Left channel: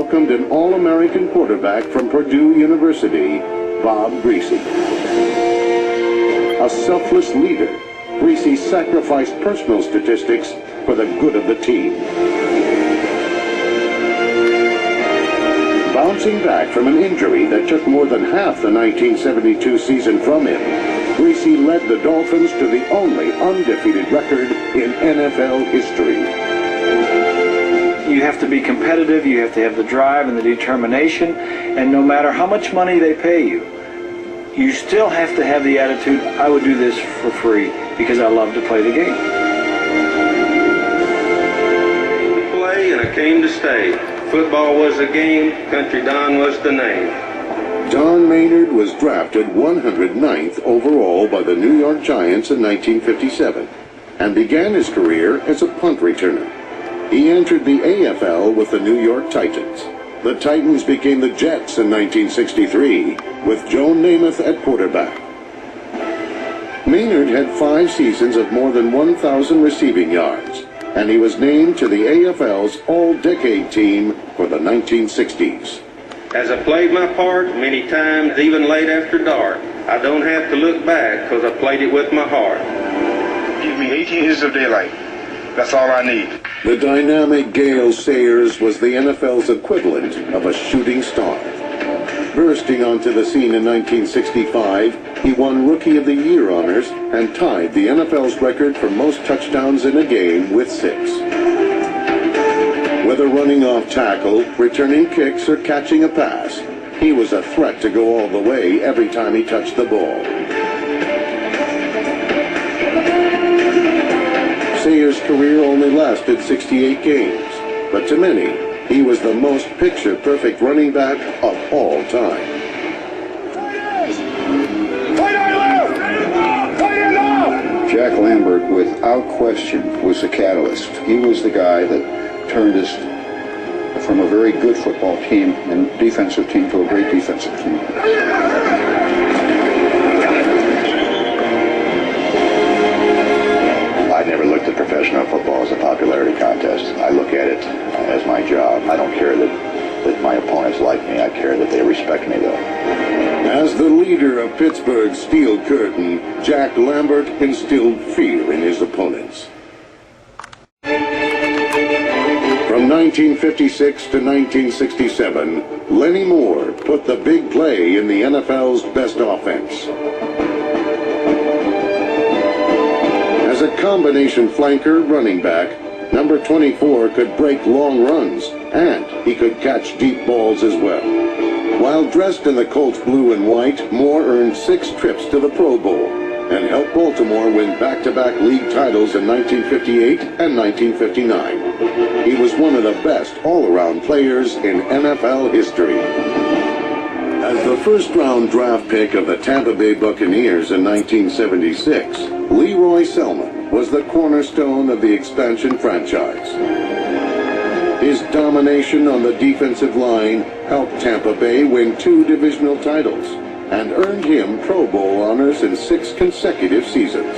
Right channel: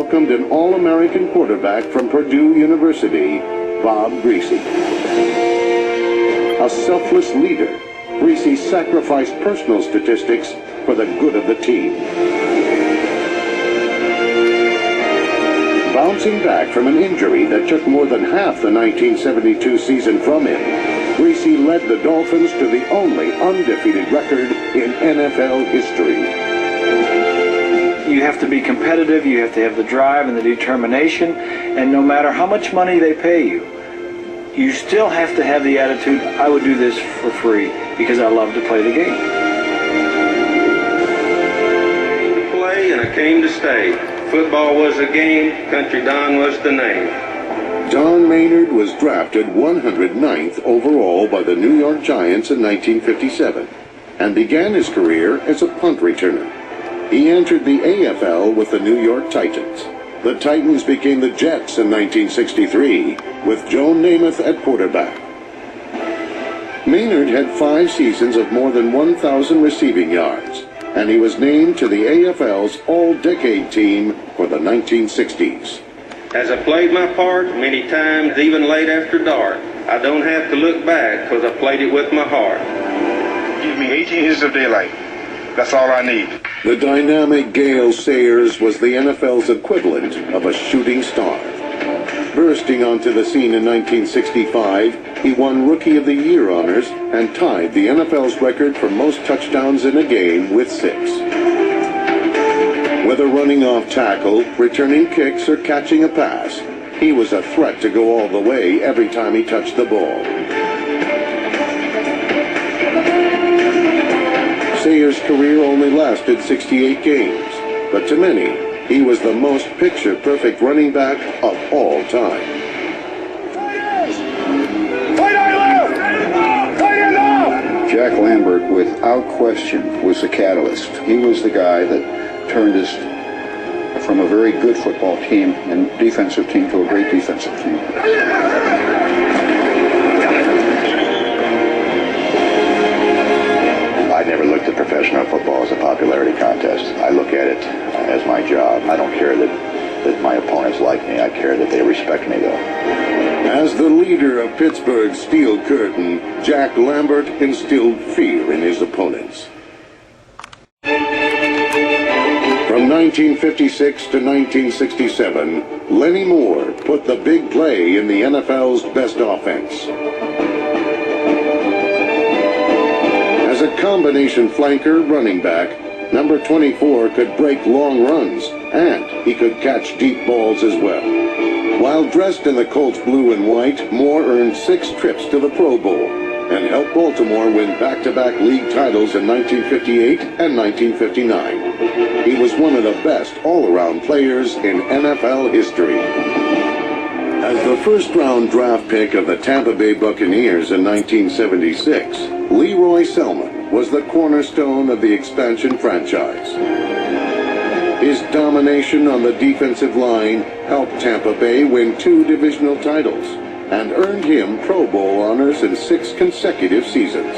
welcomed an All-American quarterback from Purdue University, Bob Griese. A selfless leader, Griese sacrificed personal statistics for the good of the team. Bouncing back from an injury that took more than half the 1972 season from him, Griese led the Dolphins to the only undefeated record in NFL history. You have to be competitive, you have to have the drive and the determination, and no matter how much money they pay you, you still have to have the attitude, I would do this for free because I love to play the game. Play and I came to stay. Football was the game, Country Don was the name. Don Maynard was drafted 109th overall by the New York Giants in 1957 and began his career as a punt returner. He entered the AFL with the New York Titans. The Titans became the Jets in 1963 with Joe Namath at quarterback. Maynard had 5 seasons of more than 1,000 receiving yards, and he was named to the AFL's All-Decade team for the 1960s. As I played my part many times, even late after dark, I don't have to look back because I played it with my heart. Give me 18 years of daylight. That's all I need. The dynamic Gale Sayers was the NFL's equivalent of a shooting star. Bursting onto the scene in 1965, he won Rookie of the Year honors and tied the NFL's record for most touchdowns in a game with 6. Whether running off tackle, returning kicks, or catching a pass, he was a threat to go all the way every time he touched the ball. Sayers' career only lasted 68 games, but to many, he was the most picture-perfect running back of all time. Jack Lambert, without question, was the catalyst. He was the guy that turned us from a very good football team and defensive team to a great defensive team. I never looked at professional football as a popularity contest. I look at it as my job. I don't care that my opponents like me. I care that they respect me, though. As the leader of Pittsburgh's Steel Curtain, Jack Lambert instilled fear in his opponents. From 1956 to 1967, Lenny Moore put the big play in the NFL's best offense. As a combination flanker running back, number 24 could break long runs, and he could catch deep balls as well. While dressed in the Colts blue and white, Moore earned 6 trips to the Pro Bowl and helped Baltimore win back-to-back league titles in 1958 and 1959. He was one of the best all-around players in NFL history. As the first-round draft pick of the Tampa Bay Buccaneers in 1976, Leroy Selmon was the cornerstone of the expansion franchise. His domination on the defensive line helped Tampa Bay win 2 divisional titles and earned him Pro Bowl honors in 6 consecutive seasons.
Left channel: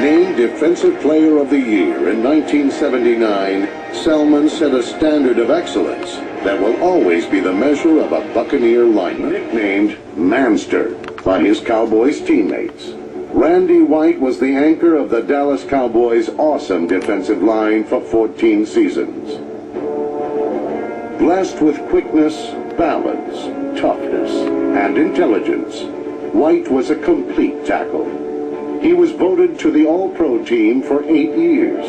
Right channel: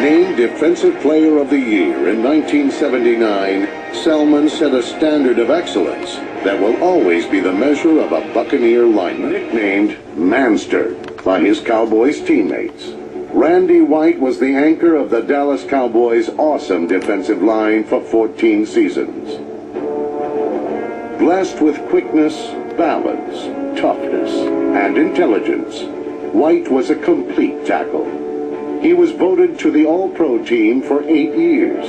Named Defensive Player of the Year in 1979, Selmon set a standard of excellence that will always be the measure of a Buccaneer lineman. Nicknamed Manster by his Cowboys teammates, Randy White was the anchor of the Dallas Cowboys' awesome defensive line for 14 seasons. Blessed with quickness, balance, toughness, and intelligence, White was a complete tackle. He was voted to the All-Pro team for 8 years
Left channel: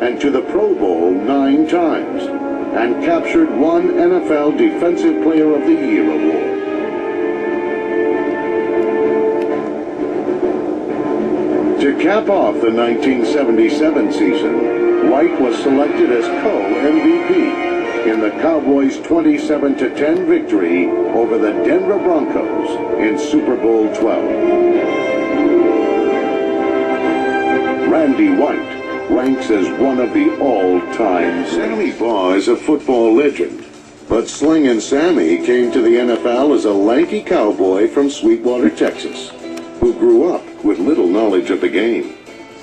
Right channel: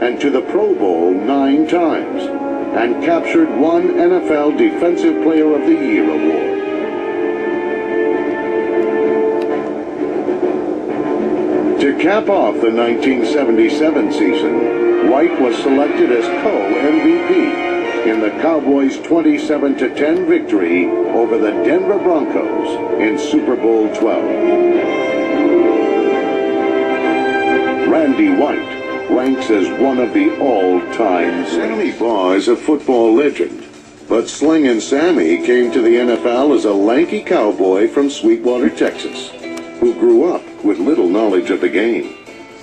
and to the Pro Bowl 9 times and captured 1 NFL Defensive Player of the Year award. To cap off the 1977 season, White was selected as co-MVP in the Cowboys' 27-10 victory over the Denver Broncos in Super Bowl 12. Randy White ranks as one of the all-time. Sammy Baugh is a football legend, but Slingin' Sammy came to the NFL as a lanky cowboy from Sweetwater, Texas, who grew up with little knowledge of the game.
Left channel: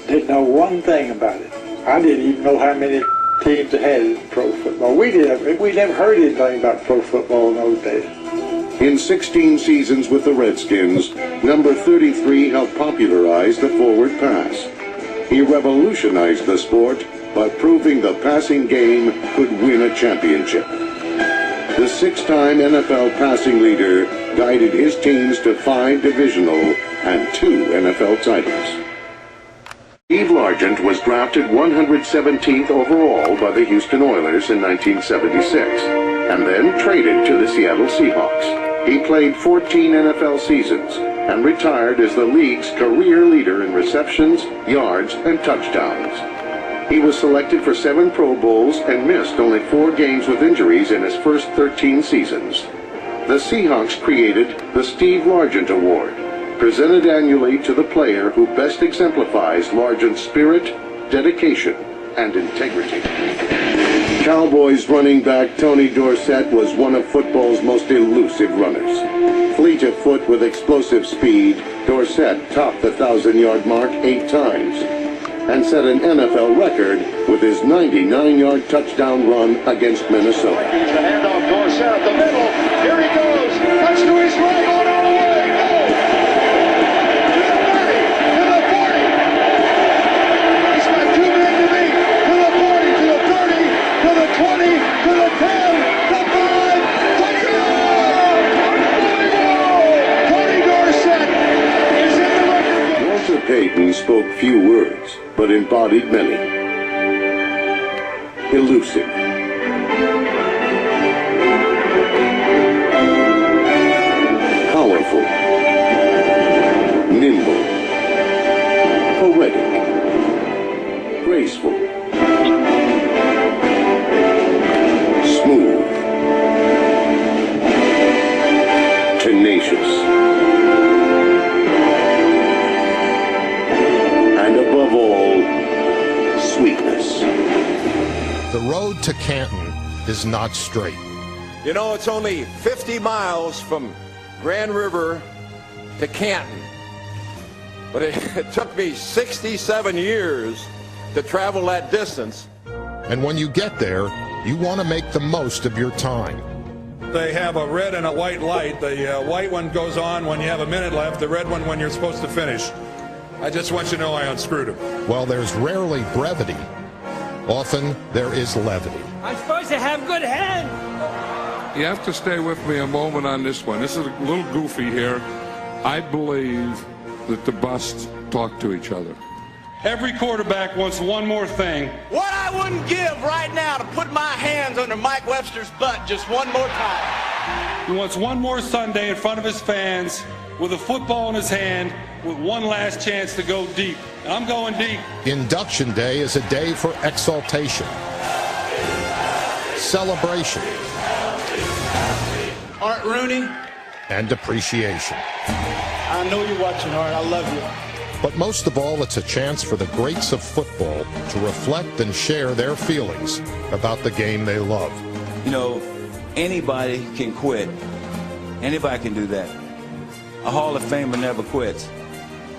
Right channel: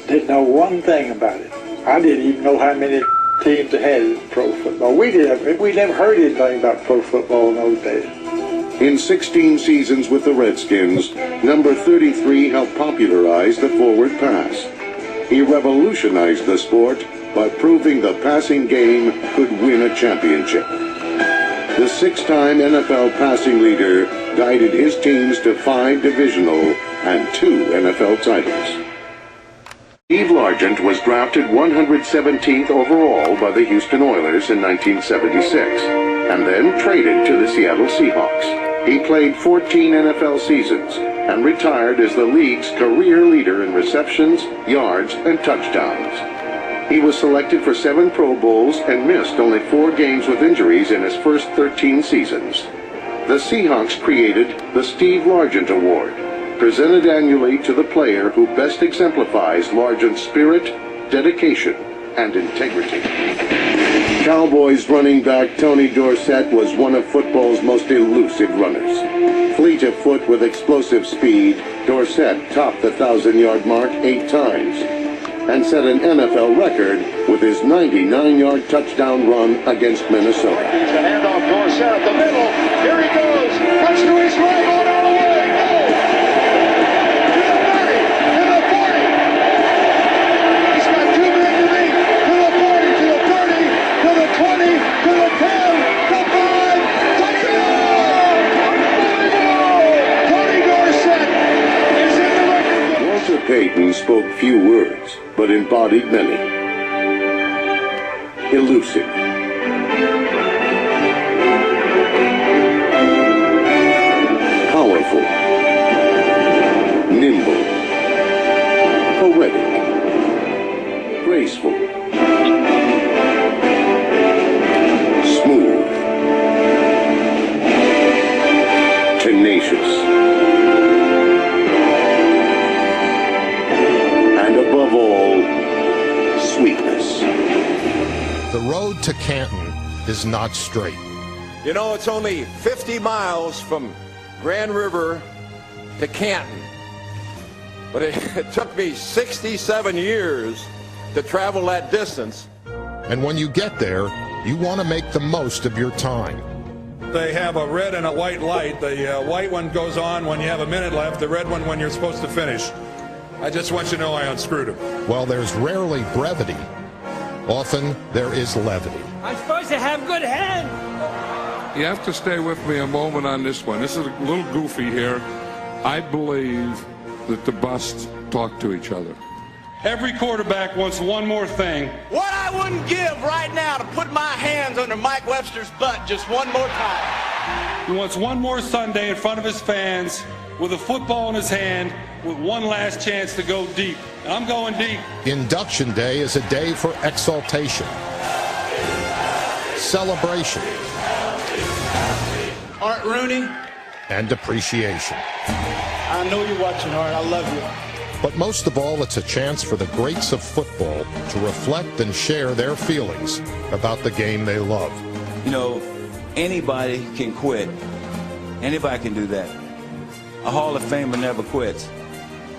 Didn't know one thing about it. I didn't even know how many teams that had pro football. We never heard anything about pro football in those days. In 16 seasons with the Redskins, number 33 helped popularize the forward pass. He revolutionized the sport by proving the passing game could win a championship. The 6-time NFL passing leader guided his teams to 5 divisional and 2 NFL titles. Steve Largent was drafted 117th overall by the Houston Oilers in 1976, and then traded to the Seattle Seahawks. He played 14 NFL seasons and retired as the league's career leader in receptions, yards, and touchdowns. He was selected for 7 Pro Bowls and missed only 4 games with injuries in his first 13 seasons. The Seahawks created the Steve Largent Award, presented annually to the player who best exemplifies Largent's spirit, dedication, and integrity. Cowboys running back Tony Dorsett was one of football's most elusive runners. Fleet of foot with explosive speed, Dorsett topped the 1,000-yard mark 8 times and set an NFL record with his 99-yard touchdown run against Minnesota. He's a handoff, Dorsett at the middle. Here he goes. Cuts to his right, on all the way. Go! To the 40, to the 40. He's got 2 men to beat. To the 40, to the 30, to the 20, to the 10, to 5. Touchdown! Tony Dorsett is in the record book. Walter Payton spoke few words, but embodied many. Elusive. Powerful. Nimble. Poetic. Graceful. Smooth. Tenacious. And above all, sweetness. The road to Canton is not straight. You know, it's only 50 miles from Grand River to Canton. But it took me 67 years to travel that distance. And when you get there, you want to make the most of your time. They have a red and a white light. The white one goes on when you have a minute left, the red one when you're supposed to finish. I just want you to know I unscrewed him. While there's rarely brevity, often there is levity. I'm supposed to have good hands. You have to stay with me a moment on this one. This is a little goofy here. I believe that the busts talk to each other. Every quarterback wants one more thing. What I wouldn't give right now to put my hands under Mike Webster's butt just one more time. He wants one more Sunday in front of his fans with a football in his hand with one last chance to go deep. And I'm going deep. Induction Day is a day for exaltation, celebration, Art Rooney, and appreciation. I know you're watching, Art. I love you. But most of all, it's a chance for the greats of football to reflect and share their feelings about the game they love. You know, anybody can quit. Anybody can do that. A Hall of Famer never quits.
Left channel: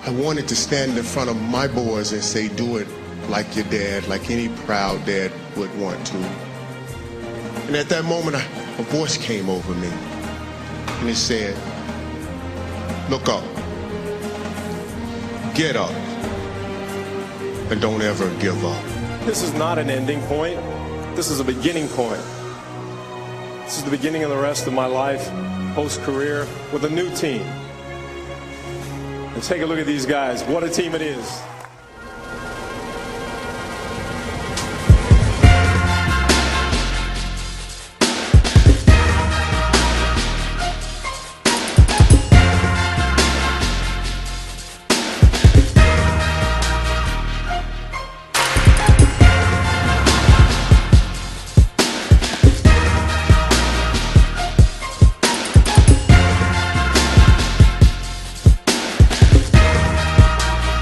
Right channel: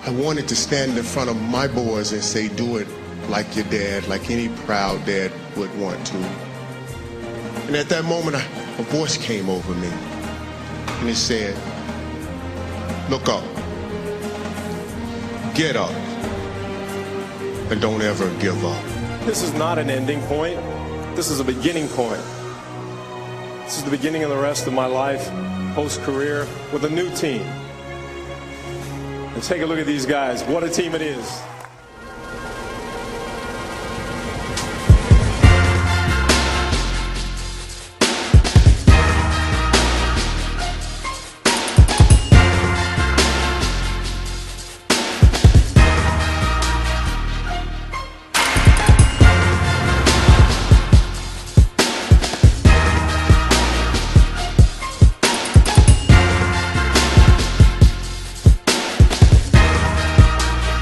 I wanted to stand in front of my boys and say, do it like your dad, like any proud dad would want to. And at that moment, a voice came over me, and it said, look up, get up, and don't ever give up. This is not an ending point. This is a beginning point. This is the beginning of the rest of my life, post-career, with a new team. And take a look at these guys. What a team it is.